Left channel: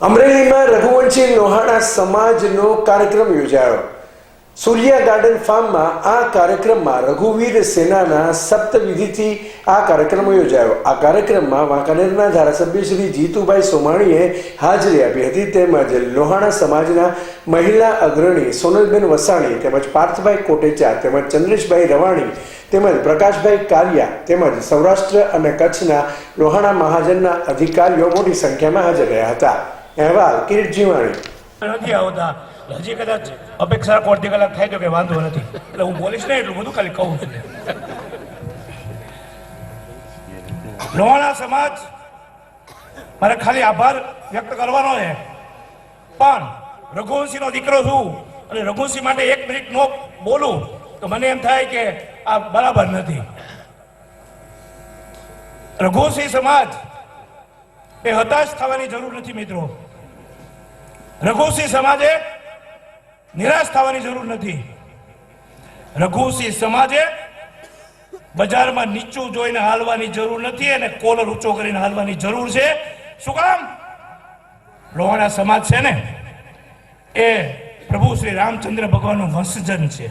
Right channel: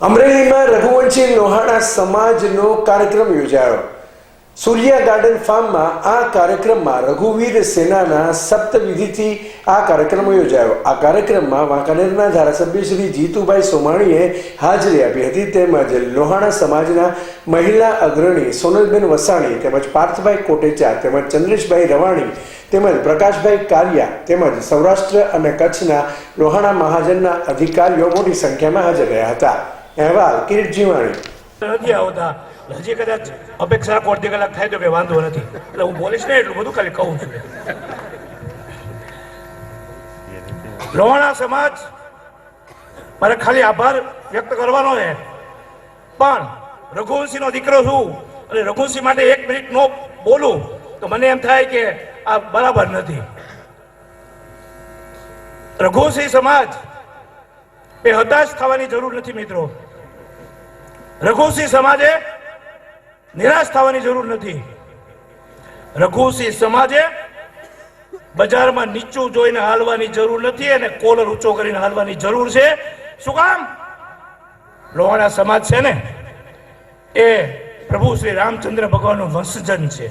અમરેલીમાં રઘુવંશી લોહાણા સમાજનો કાર્યક્રમ યોજાયો. સૂર્યા ગાર્ડન ફાર્મમાં આ કાર્યક્રમમાં રઘુવીર સેનાના સપ્તવિધિથી આ કાર્યક્રમ યોજાયો. આ કાર્યક્રમમાં વાંકાનેરના ધારાસભ્ય શ્રી જીતુભાઈ સોમાણીએ હાજરી આપી હતી તેમજ લોહાણા સમાજના મહિલા અગ્રણી સોનલબેન વસાણી, તેમજ પાર્થભાઈ કોટેચા, તેમજ ચંદ્રેશભાઈ રવાણી, તેમજ પ્રકાશભાઈ કારિયા, તેમજ સૌરાષ્ટ્ર અને કચ્છના લોહાણા મહાજનના અધિકારીઓ મોટી સંખ્યામાં હાજર રહ્યા હતા. અહેવાલ, કિરીટ જીવાણી. નથી આવતા. હજી કદાચ અપેક્ષા અડધી કલાક થાય તો કે વાંધો નથી. એટલે હું બોલીશ ને એટલું બધું ખાલી કહું છું. લોહાણા સમાજ, મારે ખાલી આભાર વ્યક્ત કરવાનો છે. પણ રઘુવંશીનો દીકરો છું અને રઘુવંશી માટે એક મિનિટ નો બોલું તો મને એમ થાય કે આ બરાબર નથી. રઘુવંશી સમાજ એ હતાશ થવાની જરૂર નથી મિત્રો. રઘુસિંહ સમાજે નિરાશ થવાની જરૂર નથી. રઘુસિંહ સમાજે બજારમાં નીચું જોઈને હાલવાની જરૂર નથી અને કોલર ઊંચો કરીને હાલવાની જરૂર છે. શું કામ? લોહાણા સમાજ છે ને, એ પ્રભુ શ્રી રામચંદ્ર ભગવાનનું વંશજન છે.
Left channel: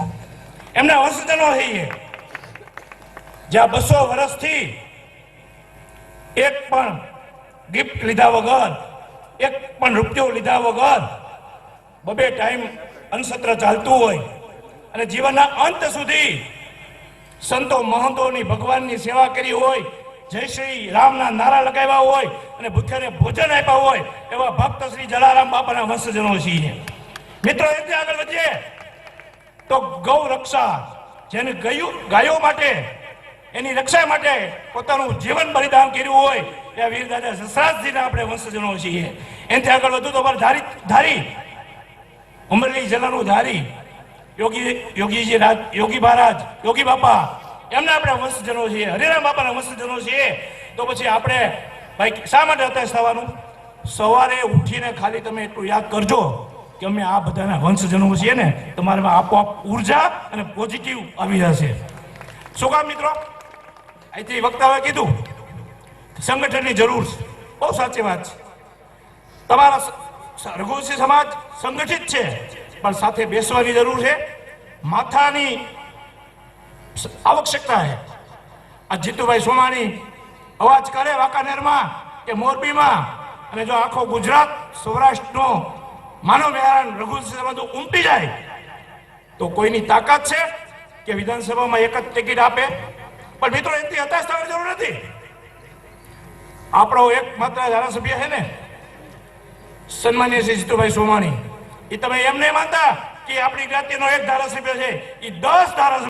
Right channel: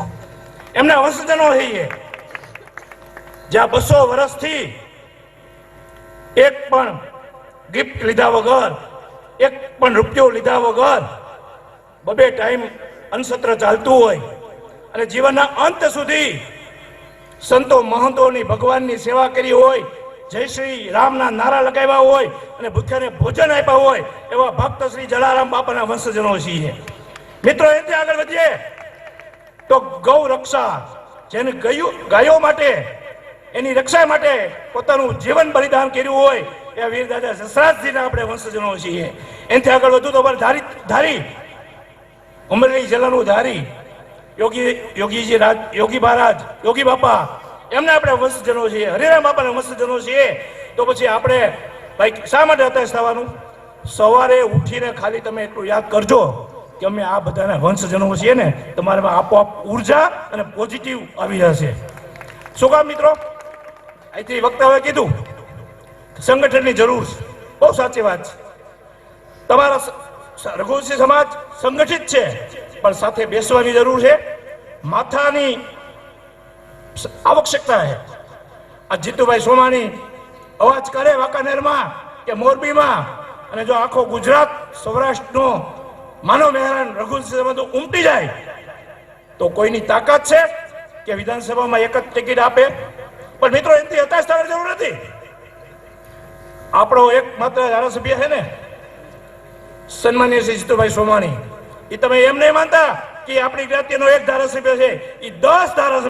એમના વંશજનો છીએ જ્યાં બસો વર્ષથી એક પણ ગિફ્ટ લીધા વગર, એક પણ રૂપિયો લીધા વગર બબે ટાઈમ અનસત્ર ચાલતું હોય. અને જીવનના અંત સુધી સંતો મહંતોની ભગવાનની સેવા કરી હોય, જય શ્રી રામના નારા લગાવ્યા હોય અને ભૂખ્યાને ભોજન આપ્યા હોય, એવા ભક્ત શ્રી જલારામ બાપાના વંશજનો છીએ. મિત્રો એથી આગળ વધીએ. તો ગૌ રક્ષા જેને ગયું ગાયો માટે એની રક્ષા માટે પોતાનું જીવન બલિદાન કર્યું હોય એ વીર દાદા સસરાજજીના આપણે વંશજનો છીએ. એનાથી આગળ વધુ તો ધારી ધારી, અમરેલી જિલ્લાનું ધારી, યોગી, યોગીજી રાજ, યોગી મહારાજ, યોગી બાપા, એમના આપણે વંશજનો છીએ, હરિરામ બાપાના વંશજનો છીએ. તો પછી આપણે ભાઈ શા માટે હતાશ થવાનું સવારે ઉઠીને ખાલી તમે એટલું યાદ કરજો કે અમે આ બધાના વંશજનો છીએ ને, તમારામાં આપોઆપ ઊર્જા અને પોઝિટિવ આવી જશે. શું કામ મિત્રો? અહીંથી વક્તાઓએ કીધું, સંગઠનની જરૂર છે. બહુ સાચી વાત છે. તમારા રઘુવંશી સમાજ સંગઠિત છે, પણ સાથે બેસવાની જરૂર છે. માથાની આવશ્યકતા છે. આ જીતુભાઈ સોમાણી અવાજ કરે વાંકાનેરમાં કે મોરબીમાં, અને જો આખો ગુજરાત સૌરાષ્ટ્રનો માનવ મહેરાન રઘુવંશી સમાજ ઉમટી જાય, તો કોઈની તાકાત છે કે વિધાનસભામાં એક જ ટિકિટ આપે? પણ મિત્રો, એનાથી હતાશ થવાની જરૂર નથી. આપણો એક માત્ર ધારાસભ્ય છે ને, સન્માન્ય શ્રી જીતુભાઈ સોમાણી. એ તમે એમ નહીં માનતા કે આપણી જ્ઞાતિનો એક ધારાસભ્ય છે એ દસ ધારાસભ્ય